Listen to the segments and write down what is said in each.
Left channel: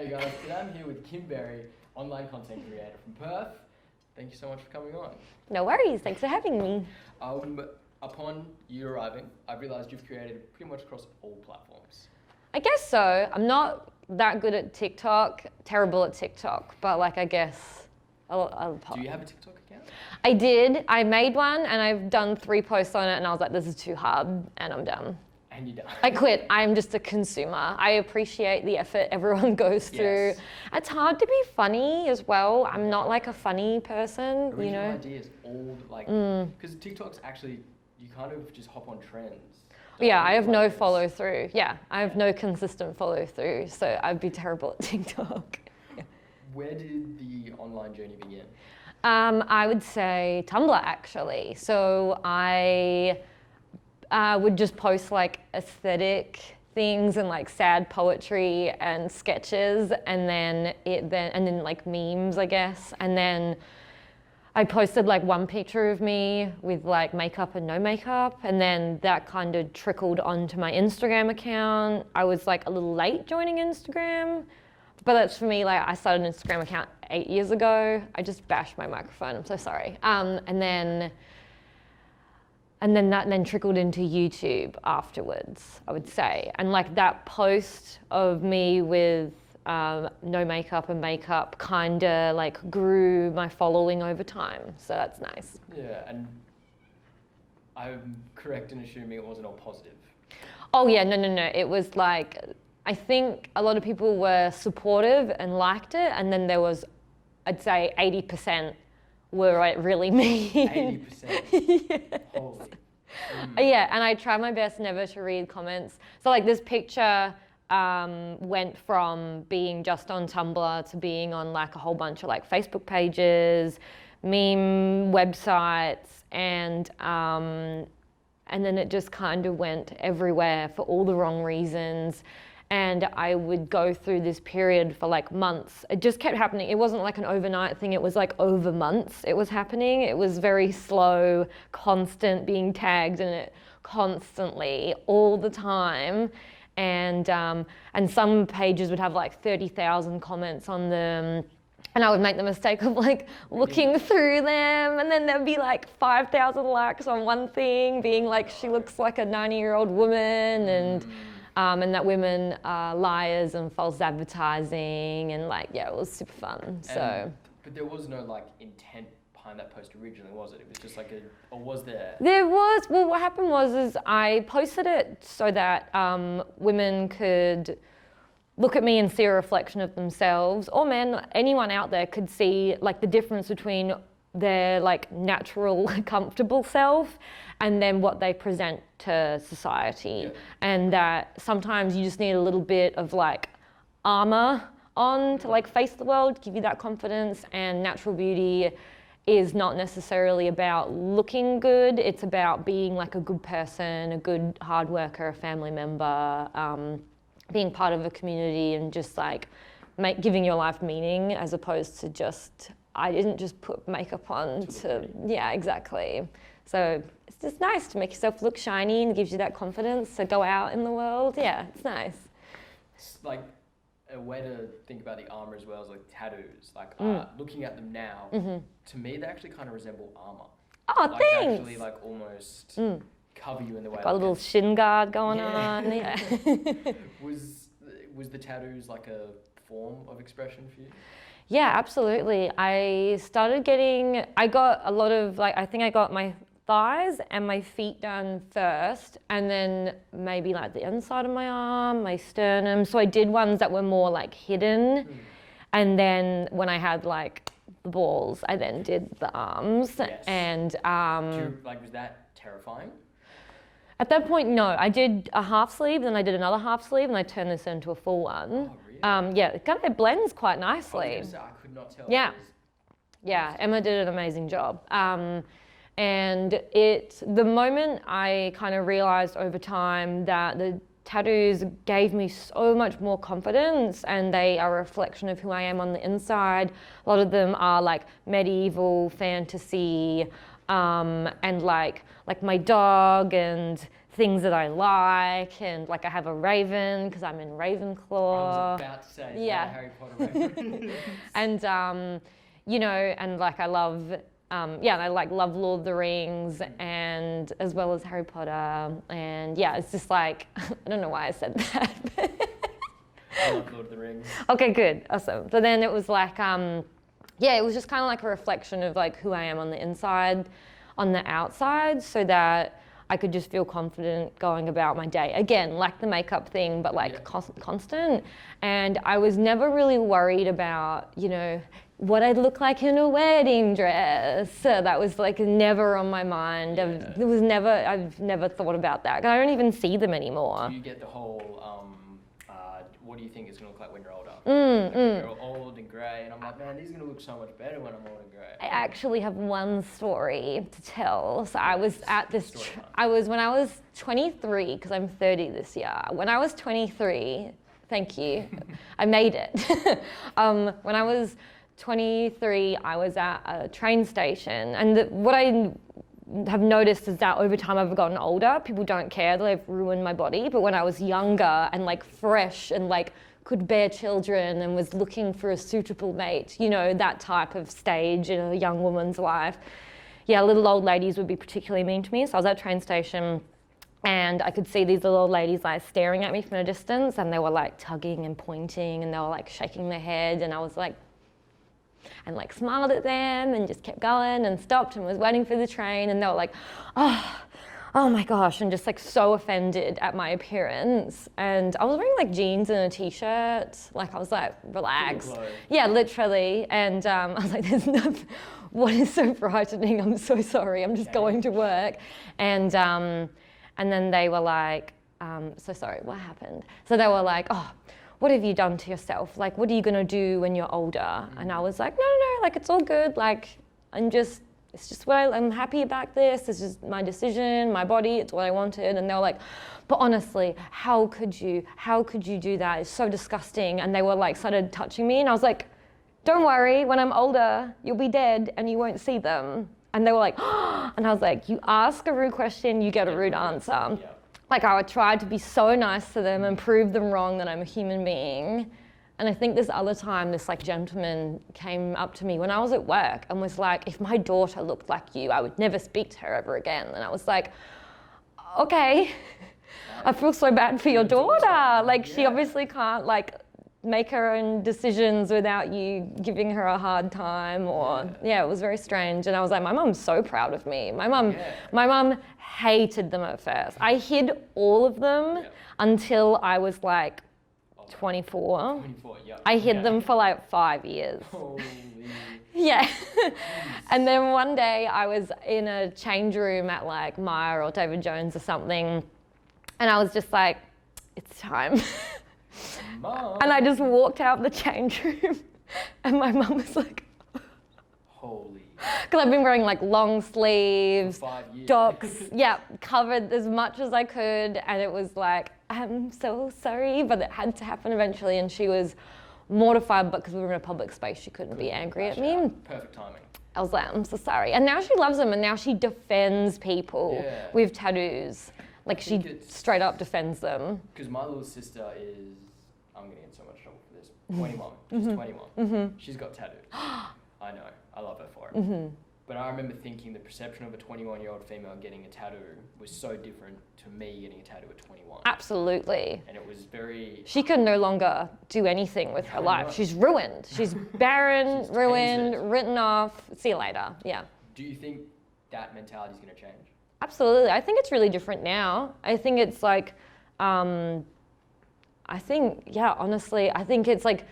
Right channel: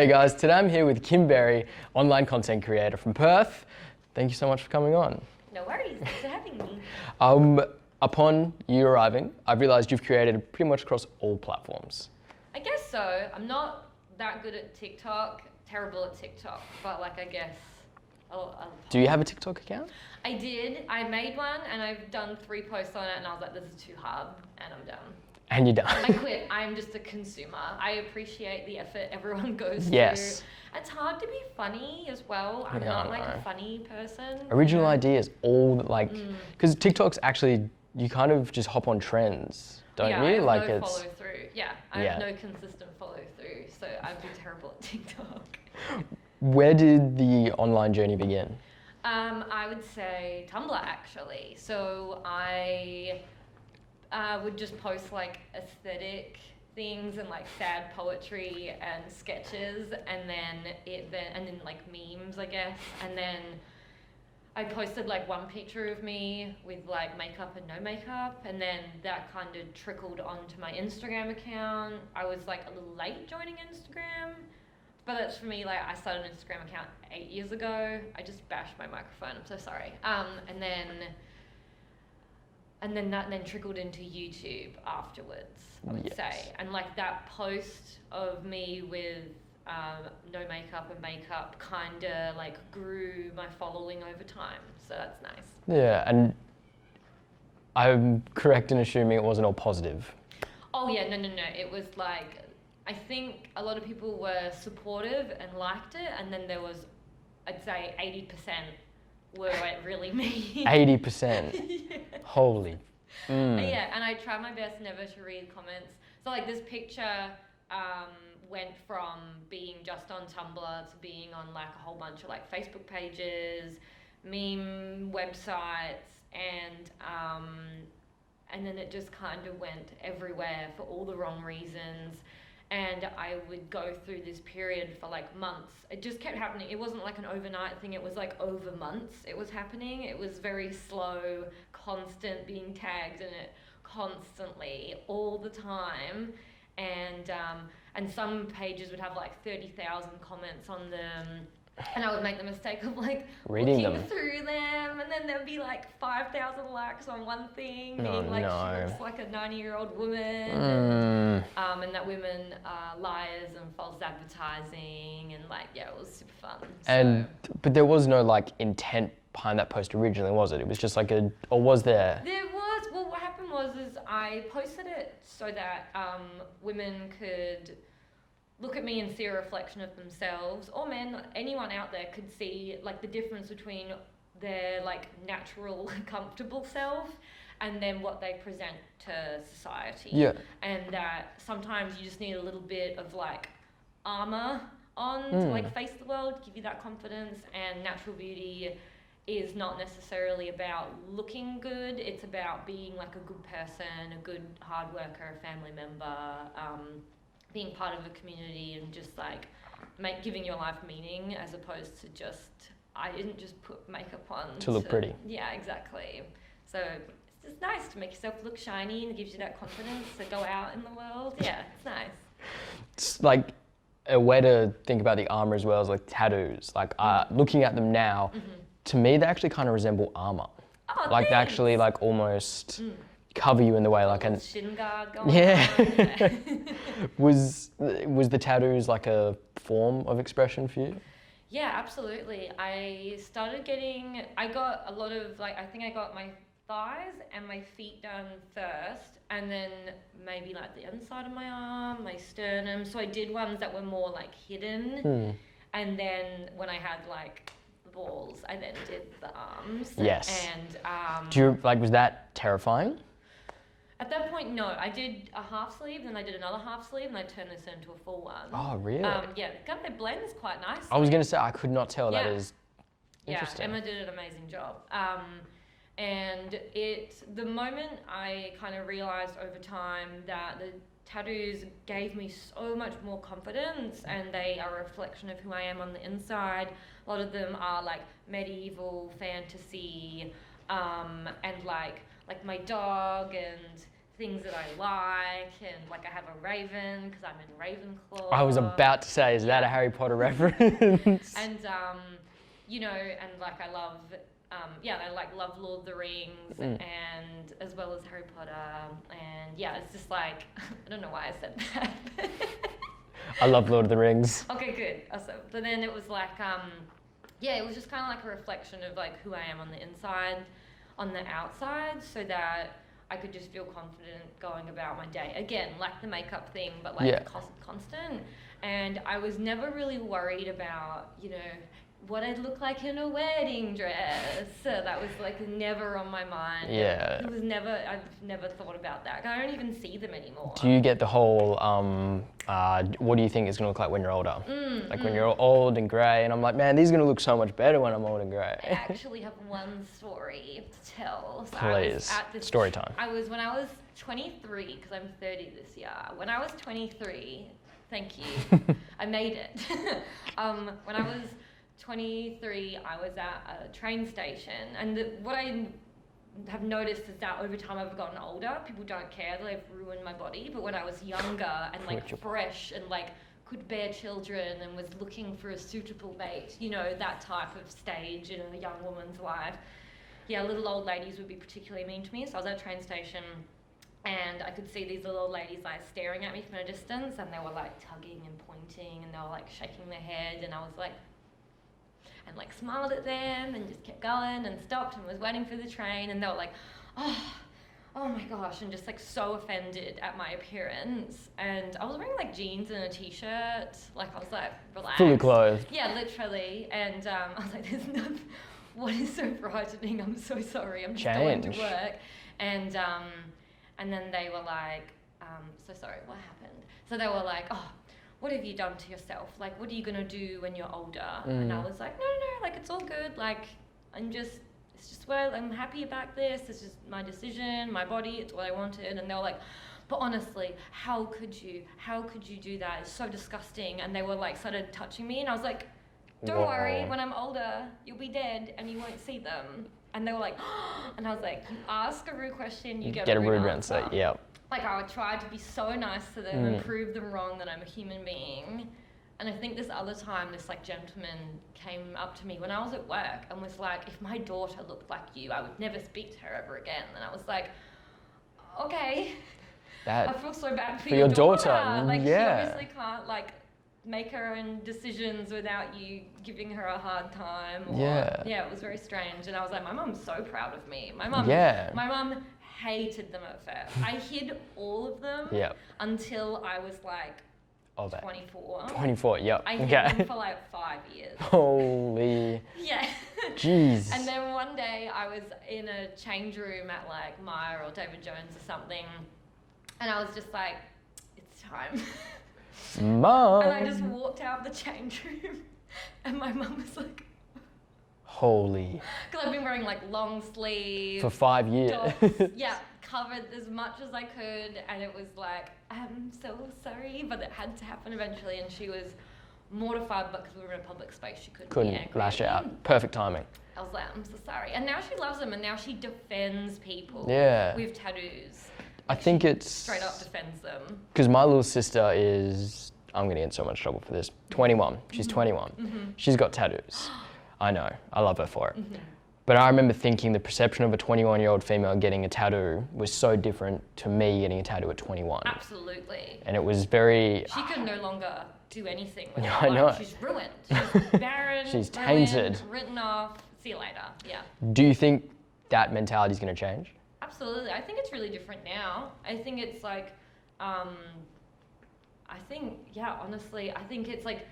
Hey guys, today I'm here with Kimberry, online content creator from Perth. Thank you so much for coming on. No worries, thanks for having me. Upon you arriving, I've realised you've created pretty much across all platforms. I guess so. I'm not that good at TikTok, terrible at TikTok, but like I guess I'll Do you have a TikTok account? I did. I made one and I've done 3 posts on it and I was like, this is too hard and I'm done. And you're done. I quit. I'm just a consumer. I appreciate the effort everyone goes Yes. through. It's hard to be funny as well. I'm not like a funny person. Original ideas, all like, because TikTok's actually, you kind of just hop on trends. Don't Yeah, you? I have Like no follow through. Yeah, I have Yeah. no consistent follow through, so I'd be terrible at TikTok. Where did the online journey begin? I would say Tumblr actually. So I would just post like aesthetic things and like sad poetry and sketches, and then like memes, I guess, and then I posted like one picture of me with like makeup and no makeup, and then that kind of trickled onto my Instagram account. I was like a little late joining Instagram, but that's for me, like I started an Instagram account 8 years ago. I just bashed my microphone, I'm so sorry. And then that trickled into YouTube afterwards, I would say. And like that post of me with no makeup and makeup kind of like grew my following over time. So that's nice. Yeah, and I'm correct in assuming it wasn't all positive. Oh yeah, no. It was like, I think a lot of people were supportive and liked it. And then there was, I'd say 80% were like really mean. 80%. Yeah. Holy. Yeah, and I try my best never to read comments. So like this picture went from being just on Tumblr to being on like a whole bunch of like Facebook pages, meme websites, and then it just kind of went everywhere for all the wrong reasons. And I would go through this period for like months. It just kept happening. It wasn't like an overnight thing. It was like over months it was happening. It was very slow, constant being tagged in it constantly, all the time. And some pages would have like 30,000 comments on them. And I would make the mistake of like looking through them, and then there'd be like 5,000 likes on one thing, being she looks like a 90-year-old woman, and that women are liars and false advertising, and like, yeah, it was super fun. But there was no like intent behind that post originally, was it? It was just like or was there? There was. Well, what happened was I posted it so that women could look at me and see a reflection of themselves, or men, anyone out there could see like the difference between their like natural, comfortable self and then what they present to society. Yeah. And that sometimes you just need a little bit of like armor on to like face the world, give you that confidence. And natural beauty is not necessarily about looking good. It's about being like a good person, a good hard worker, a family member, being part of a community, and just like giving your life meaning, as opposed to just, I didn't just put makeup on to look pretty. Yeah, exactly. So it's just nice to make yourself look shiny and gives you that confidence to go out in the world. Yeah, it's nice. It's like a way to think about the armor as well as like tattoos. Like looking at them now, to me they actually kind of resemble armor. Oh, like thanks. They actually like almost cover you in the way a like little shin guard going on. Yeah. Was the tattoos like a form of expression for you? Yeah, absolutely. I got a lot of like, I think I got my thighs and my feet done first, and then maybe like the inside of my arm, my sternum. So I did ones that were more like hidden. And then when I had like the balls, I then did the arms. Yes. And was that terrifying? at that point, no. I did a half sleeve, then I did another half sleeve, and I turned this into a full one. Oh, really? Yeah, it blends quite nicely. I was going to say, I could not tell. Yeah. That is Emma did an amazing job. And the moment I kind of realized over time that the tattoos gave me so much more confidence, and they are a reflection of who I am on the inside. A lot of them are like medieval fantasy, and like my dog and things that I like, and like I have a raven because I'm in Ravenclaw. I was about to say, is that a Harry Potter reference? And you know, and like I love, I like love Lord of the Rings, and as well as Harry Potter, and yeah, it's just like I don't know why I said that. I love Lord of the Rings. Okay, good, awesome. So then it was like, it was just kind of like a reflection of like who I am on the inside, on the outside, so that I could just feel confident going about my day. Again, like the makeup thing, but like constant. And I was never really worried about, you know, what I'd look like in a wedding dress. So that was like never on my mind. Yeah. I've never thought about that. I don't even see them anymore. Do you get the whole, what do you think it's going to look like when you're older? Like when you're old and grey, and I'm like, man, these are going to look so much better when I'm old and grey. I actually have one story to tell. So Please. I was at this story time. When I was 23, because I'm 30 this year. When I was 23, thank you, I made it. When I was 23, I was at a train station, and what I have noticed is that over time I've gotten older, people don't care that I've ruined my body. But when I was younger and like fresh and like could bear children and was looking for a suitable mate, you know, that type of stage in a young woman's life, little old ladies would be particularly mean to me. So I was at a train station and I could see these little old ladies like staring at me from a distance, and they were like tugging and pointing, and they were like shaking their head, and I was like, and like smiled at them and just kept going and stopped and was waiting for the train, and they were like, oh my gosh, and just like so offended at my appearance. And I was wearing like jeans and a t-shirt, like I was like relaxed. Fully clothed. Yeah, literally. And I was like, there's nothing, what is so frightening? I'm so sorry, I'm just going to work. And then they were like, so sorry, what happened? So they were like, oh, what have you done to yourself? Like, what are you gonna do when you're older? And I was like, no, like it's all good. Like, it's just where I'm happy about this. This is my decision, my body, it's what I wanted. And they were like, but honestly, how could you do that? It's so disgusting. And they were like, started touching me, and I was like, don't worry, when I'm older, you'll be dead and you won't see them. And they were like, oh, and I was like, you ask a rude question, you get a rude answer. Yep. Like I would try to be so nice to them and prove them wrong that I'm a human being. And I think this other time, this like gentleman came up to me when I was at work and was like, if my daughter looked like you, I would never speak to her ever again. And I was like, okay, I feel so bad for your daughter. Like she obviously can't like make her own decisions without you giving her a hard time. Or it was very strange. And I was like, my mum's so proud of me. My mum hated them at first. I hid all of them until I was like 24. 24, yep. I hid them for like 5 years. Holy. Yeah. Jeez. And then one day I was in a change room at like Myer or David Jones or something, and I was just like, it's time. Mum. And I just walked out the change room, and my mum was like, holy. Because I've been wearing like long sleeves. For 5 years. Docks, covered as much as I could. And it was like, I'm so sorry, but it had to happen eventually. And she was mortified, but because we were in a public space, she couldn't be angry at me. Out. Perfect timing. I was like, I'm so sorry. And now she loves them, and now she defends people with tattoos. Like I think it's straight up defends them. Because my little sister is, I'm going to get in so much trouble for this, 21. She's 21. She's got tattoos. I know, I love her for it. But I remember thinking the perception of a 21-year-old female getting a tattoo was so different to me getting a tattoo at 21. Absolutely. And it was very... She can no longer do anything with her life. She's ruined. She's barren, She's ruined, tainted. Written off. See you later. Yeah. Do you think that mentality is going to change? Absolutely. I think it's really different now. I think it's like, honestly, I think it's like,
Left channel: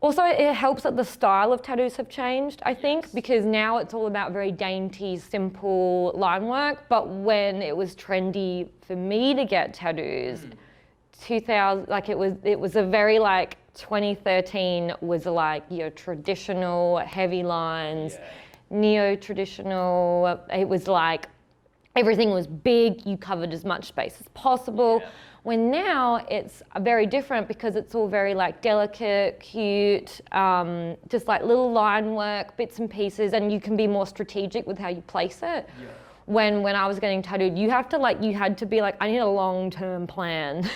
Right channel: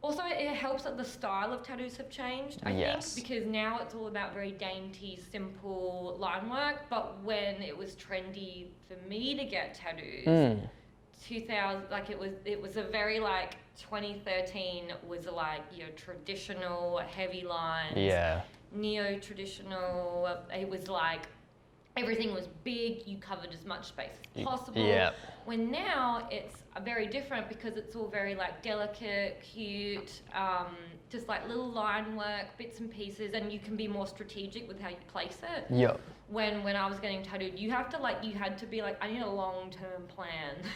also, it helps that the style of tattoos have changed, I think, because now it's all about very dainty, simple line work. But when it was trendy for me to get tattoos, 2000, like it was a very like 2013 was like your traditional heavy lines, neo-traditional. It was like everything was big. You covered as much space as possible. Yeah. When now it's very different because it's all very like delicate, cute, just like little line work, bits and pieces, and you can be more strategic with how you place it. Yeah. when I was getting tattooed, you had to be like, I need a long-term plan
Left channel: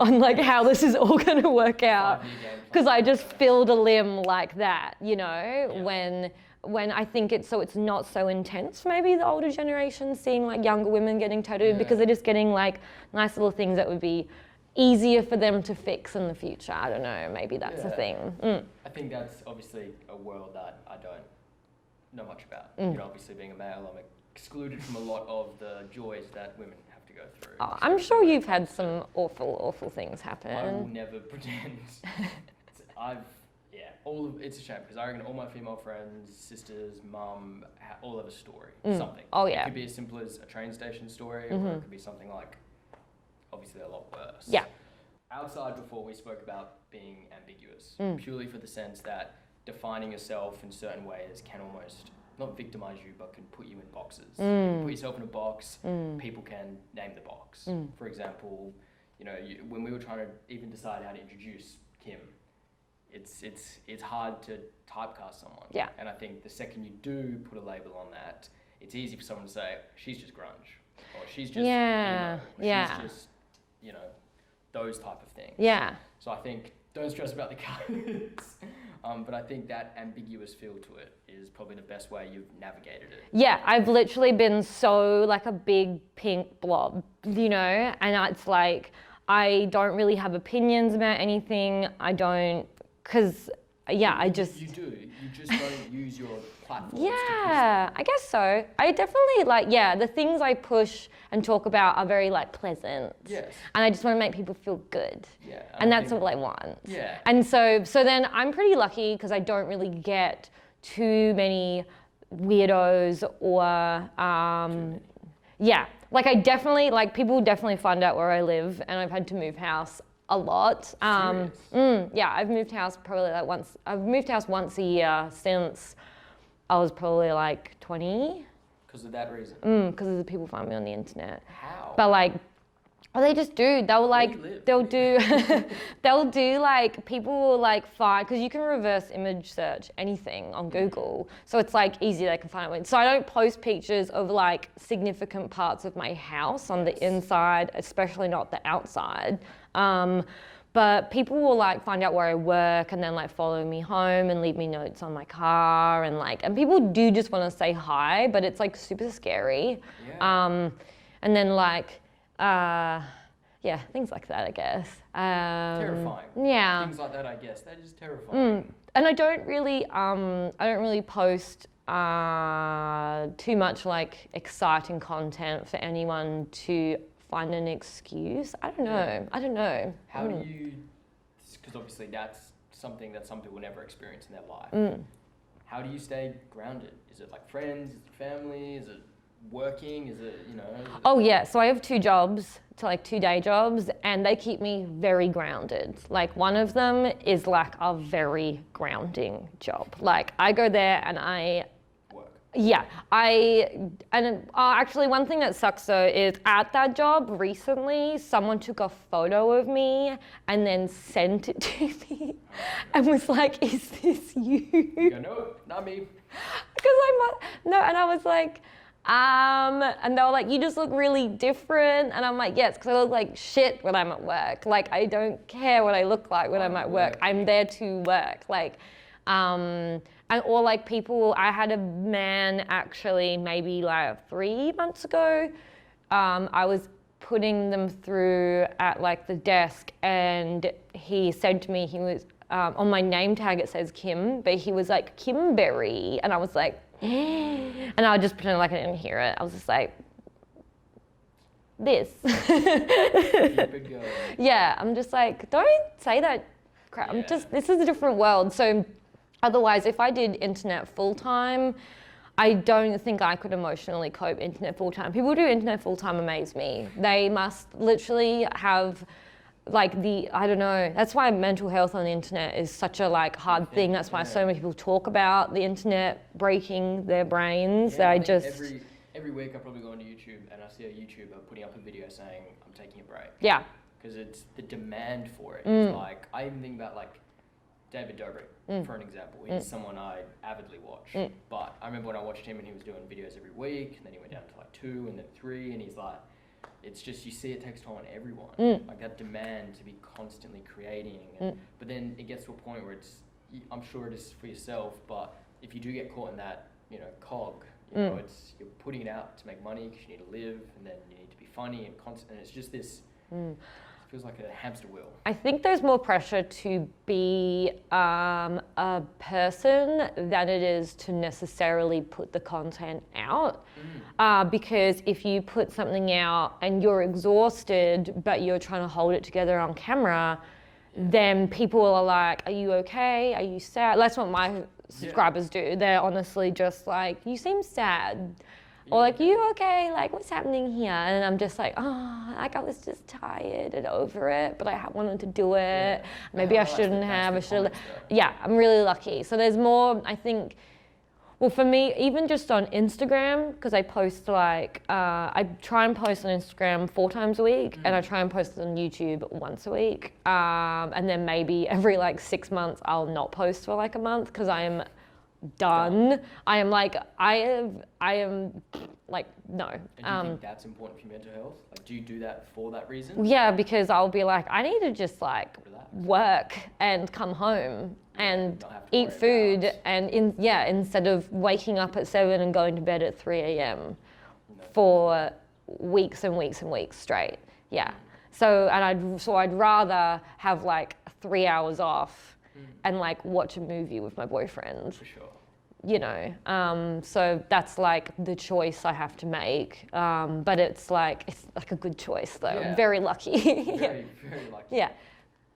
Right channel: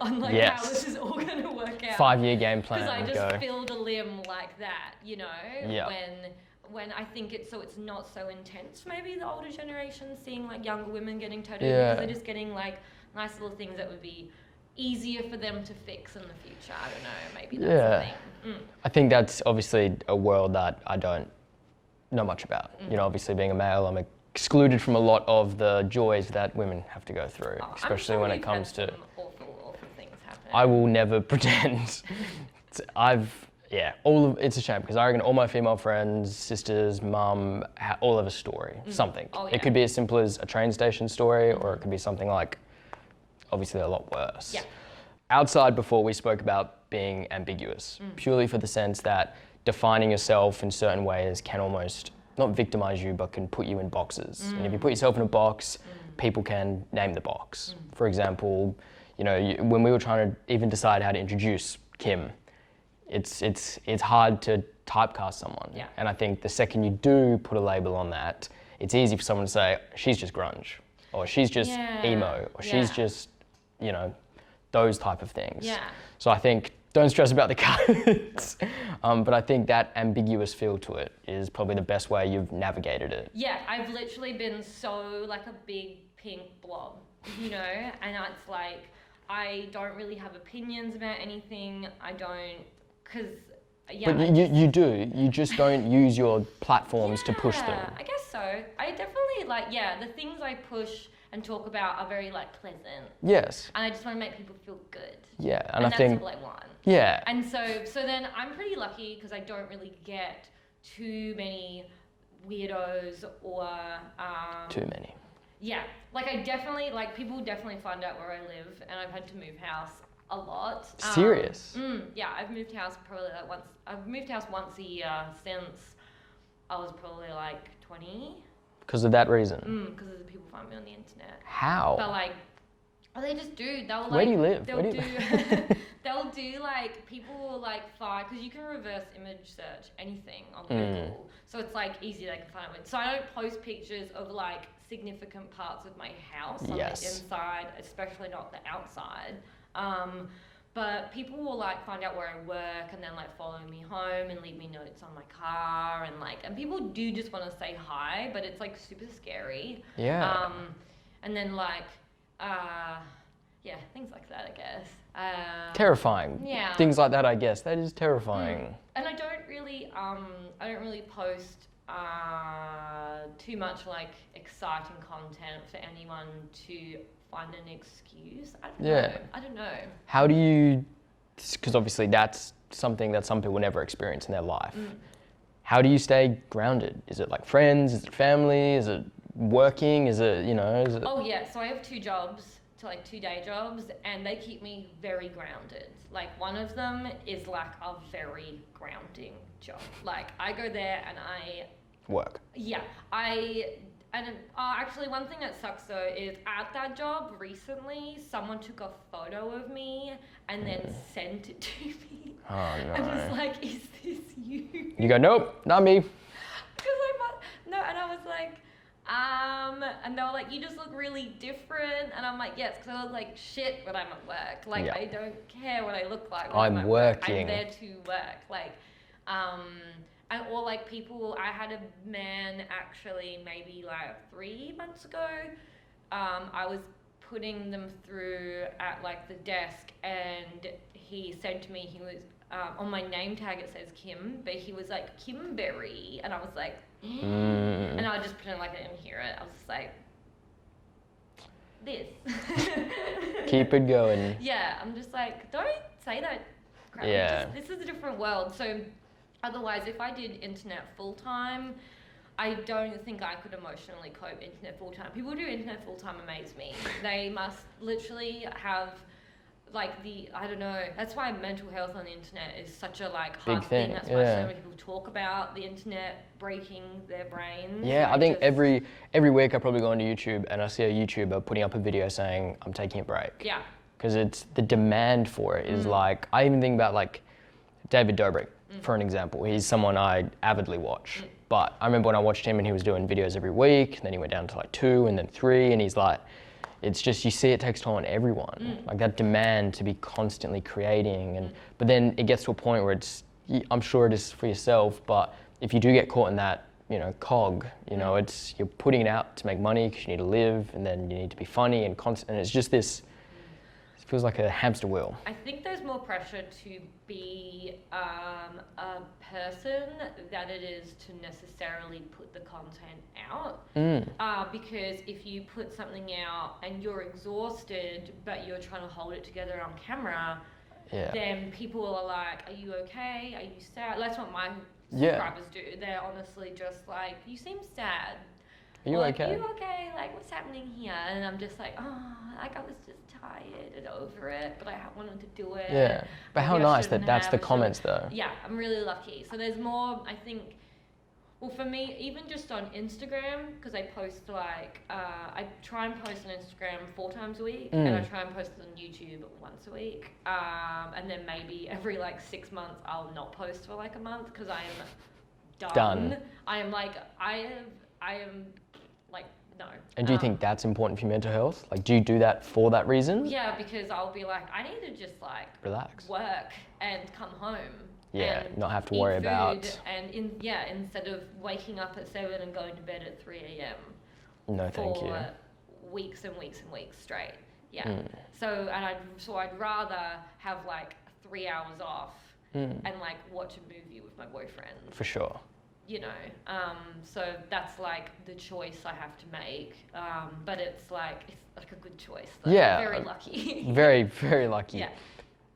on like how this is all going to work out. 5-year game plan. Because I just filled a limb like that, Yep. when I think it's not so intense for maybe the older generation seeing like younger women getting tattooed because they're just getting like nice little things that would be easier for them to fix in the future. I don't know, maybe that's the thing. I think that's obviously a world that I don't know much about. Obviously being a male, I'm excluded from a lot of the joys that women have to go through. I'm sure you've had some awful things happen. I will never pretend. It's a shame because I reckon all my female friends, sisters, mum, all have a story, something. Oh, yeah. It could be as simple as a train station story, or it could be something like, obviously a lot worse. Yeah. Outside before we spoke about being ambiguous, purely for the sense that defining yourself in certain ways can almost not victimize you, but can put you in boxes. And if you put yourself in a box, people can name the box. For example, when we were trying to even decide how to introduce Kim, it's hard to typecast someone. Yeah. And I think the second you do put a label on that, it's easy for someone to say, she's just grunge, or she's just emo, or she's just, those type of things. Yeah. So I think, don't stress about the colours, but I think that ambiguous feel to it is probably the best way you've navigated it. Yeah, I've literally been so like a big pink blob, and it's like, I don't really have opinions about anything. I don't, you do. You just don't use your platforms to push them. Yeah, I guess so. I definitely the things I push and talk about are very like pleasant. Yes. And I just want to make people feel good. Yeah. And that's all I want. Yeah. And so then I'm pretty lucky because I don't really get too many weirdos or too many. Yeah. Like people definitely find out where I live, and I've had to move house a lot. Serious? Yeah, I've moved house probably like once. I've moved house once a year since I was probably like 20. Because of that reason? Because of the people find me on the internet. How? But they just do. They'll like. Where do you live? They'll do like, people will like find, because you can reverse image search anything on Google. So it's like easy, they can find it. So I don't post pictures of like significant parts of my house on the inside, especially not the outside. But people will like find out where I work and then like follow me home and leave me notes on my car and people do just want to say hi, but it's like super scary. Yeah. And then things like that, I guess. Terrifying. Yeah. Things like that, I guess. That is terrifying. And I don't really post too much like exciting content for anyone to find an excuse. I don't know. How do you, because obviously that's something that some people never experience in their life. How do you stay grounded? Is it like friends? Is it family? Is it working? Is it, is it... Oh yeah, so I have 2 jobs, two day jobs, and they keep me very grounded. Like one of them is like a very grounding job. Like I go there and I work. Yeah, actually one thing that sucks though is at that job recently, someone took a photo of me and then sent it to me. Oh, no. And was like, is this you? You go, nope, not me. And I was like, and they were like, you just look really different. And I'm like, yes, because I look like shit when I'm at work. Like, I don't care what I look like when I'm at work. I'm there to work. Or like people, I had a man actually maybe like 3 months ago, I was putting them through at like the desk and he said to me, he was, on my name tag it says Kim, but he was like, Kimberry. And I was like, and I just pretended like I didn't hear it. I was just like, this. Keep it going. Yeah, I'm just like, don't say that crap. Yeah. This is a different world. So otherwise, if I did internet full-time, I don't think I could emotionally cope internet full-time. People who do internet full-time amaze me. They must literally have I don't know, that's why mental health on the internet is such a hard thing. That's why so many people talk about the internet breaking their brains. Yeah, I think every week I probably go onto YouTube and I see a YouTuber putting up a video saying, I'm taking a break. Yeah. Because it's the demand for it is I even think about David Dobrik, for an example. He's someone I avidly watch. But I remember when I watched him and he was doing videos every week, and then he went down to like 2 and then 3, and he's like, it's just, you see it takes toll on everyone. Like that demand to be constantly creating. And but then it gets to a point where it's, I'm sure it is for yourself, but if you do get caught in that, you know, cog, you know, it's, you're putting it out to make money because you need to live, and then you need to be funny and constant, and it's just this, it feels like a hamster wheel. I think there's more pressure to be a person than it is to necessarily put the content out. Because if you put something out and you're exhausted, but you're trying to hold it together on camera, then people are like, are you okay? Are you sad? That's what my subscribers do. They're honestly just like, you seem sad. Or like, are you okay? Like, what's happening here? And I'm just like, oh, like I was just tired and over it, but I wanted to do it. Yeah. But Maybe how I nice shouldn't that that's have. the comments though. Yeah, I'm really lucky. So there's more, I think, well, for me, even just on Instagram, because I post like, I try and post on Instagram 4 times a week, and I try and post on YouTube once a week. And then maybe every like 6 months, I'll not post for like a month because I am done. I am like, I am like, no. And do you think that's important for your mental health? Like, do you do that for that reason? Yeah, because I'll be like, I need to just like relax, work, and come home and not have to eat worry food, about. and instead of waking up at 7 and going to bed at 3 a.m. No, for weeks and weeks and weeks straight. Yeah. So I'd rather have like 3 hours off and like watch a movie with my boyfriend. For sure. You know, so that's like the choice I have to make. But it's like a good choice though. Yeah. I'm very lucky. Very, very lucky. Yeah.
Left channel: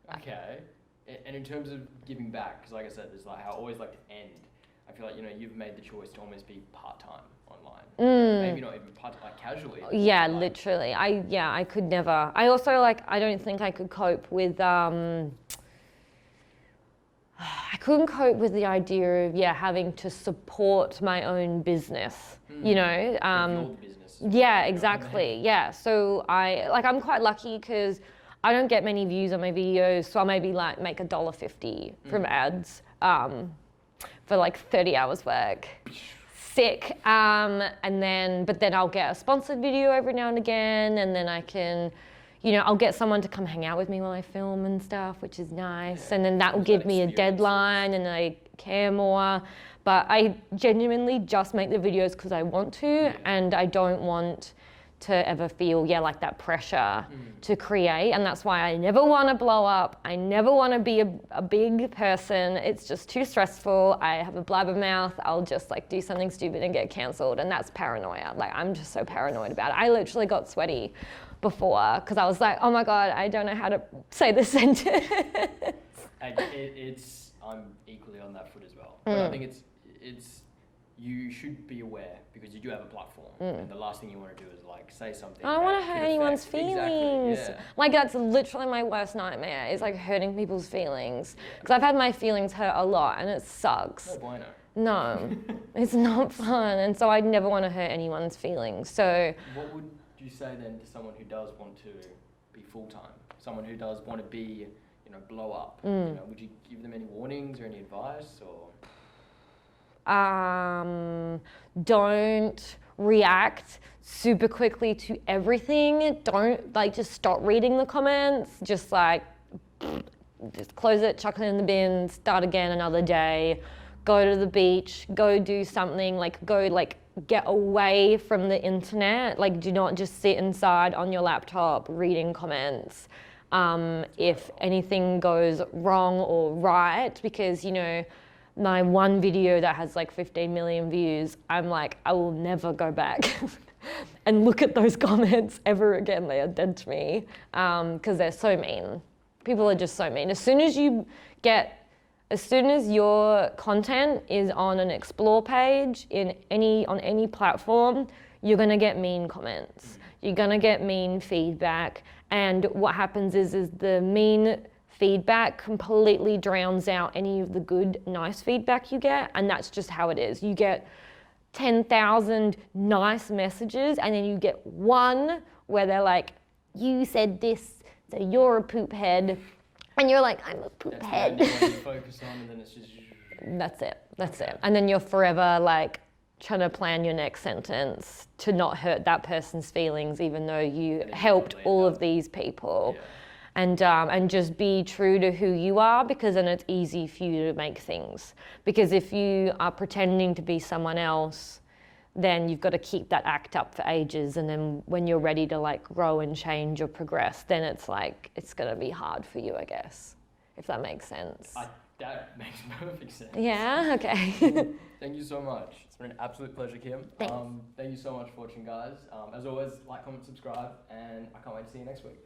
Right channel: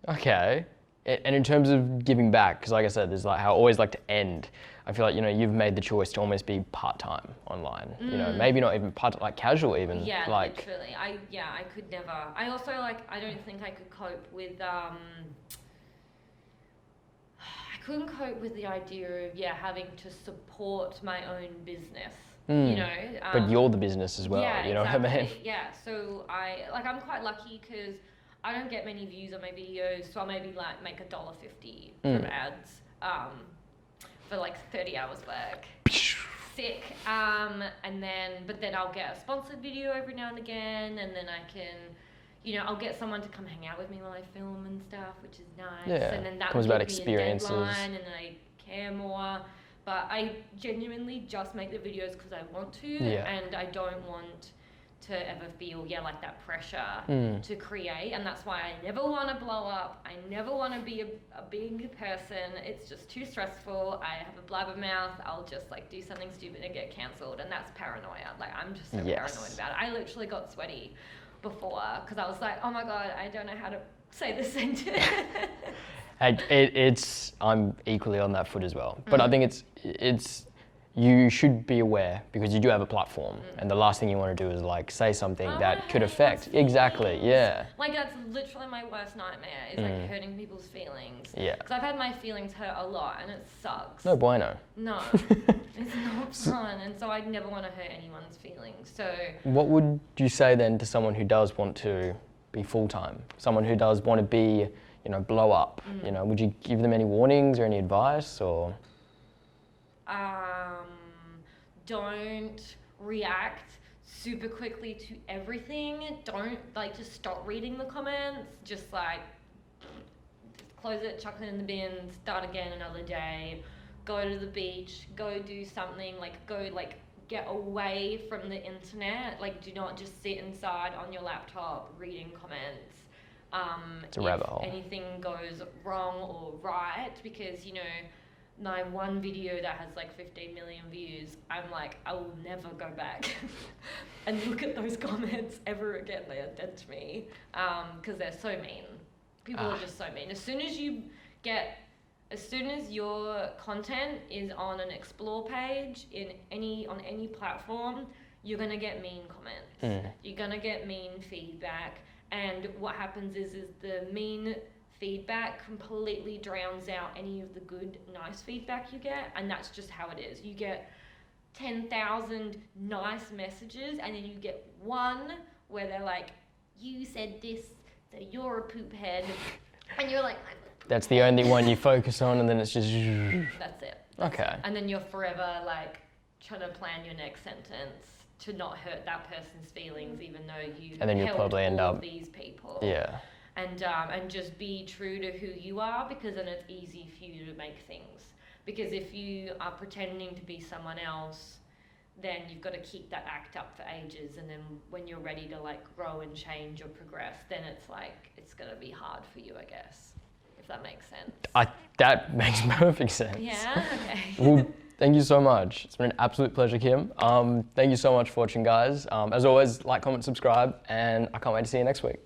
Okay. And in terms of giving back, because like I said, there's like how I always like to end. I feel like, you know, you've made the choice to almost be part-time online. You know, maybe not even part, like casual even. Yeah, like, literally. I could never. I also like, I don't think I could cope with, I couldn't cope with the idea of, having to support my own business, you know. but you're the business as well. Yeah, you know what I exactly. mean? Yeah, so I'm quite lucky because I don't get many views on my videos, so I maybe like make $1.50 from ads for like 30 hours work. Sick. But then I'll get a sponsored video every now and again, and then I can, you know, I'll get someone to come hang out with me while I film and stuff, which is nice. Yeah. And then that will give me a deadline, and I care more. But I genuinely just make the videos because I want to, and I don't want to ever feel, like that pressure to create. And that's why I never want to blow up. I never want to be a big person. It's just too stressful. I have a blabbermouth. I'll just like do something stupid and get cancelled. And that's paranoia. Like, I'm just so paranoid about it. I literally got sweaty before because I was like, oh my God, I don't know how to say this sentence. I'm equally on that foot as well. But I think it's you should be aware because you do have a platform, and the last thing you want to do is like say something that could affect. Exactly, yeah. Like that's literally my worst nightmare is like hurting people's feelings. Yeah. Because I've had my feelings hurt a lot, and it sucks. No bueno. No, it's not fun, and so I'd never want to hurt anyone's feelings. So. What would you say then to someone who does want to be full time? Someone who does want to be, you know, blow up. You know, would you give them any warnings or any advice or? Don't react super quickly to everything. Don't just stop reading the comments. Just close it, chuck it in the bin, start again another day. Go to the beach, go do something, get away from the internet. Like, do not just sit inside on your laptop reading comments. If anything goes wrong or right, because, you know, my one video that has 15 million views, I'm like, I will never go back and look at those comments ever again. They are dead to me because they're so mean. People are just so mean. As soon as your content is on an explore page on any platform, you're gonna get mean comments. You're gonna get mean feedback, and what happens is the mean feedback completely drowns out any of the good, nice feedback you get, and that's just how it is. You get 10,000 nice messages, and then you get one where they're like, you said this, so you're a poop head. And you're like, I'm a poop That's head. the only one you focus on, and then it's just. That's it. That's Okay. it. And then you're forever like trying to plan your next sentence to not hurt that person's feelings, even though you And then you helped probably all end of up- these people. Yeah. And just be true to who you are, because then it's easy for you to make things. Because if you are pretending to be someone else, then you've got to keep that act up for ages. And then when you're ready to like grow and change or progress, then it's like, it's going to be hard for you, I guess, if that makes sense. That makes perfect sense. Yeah, okay. Well, thank you so much. It's been an absolute pleasure, Kim. Thank you so much for watching, guys. As always, like, comment, subscribe, and I can't wait to see you next week.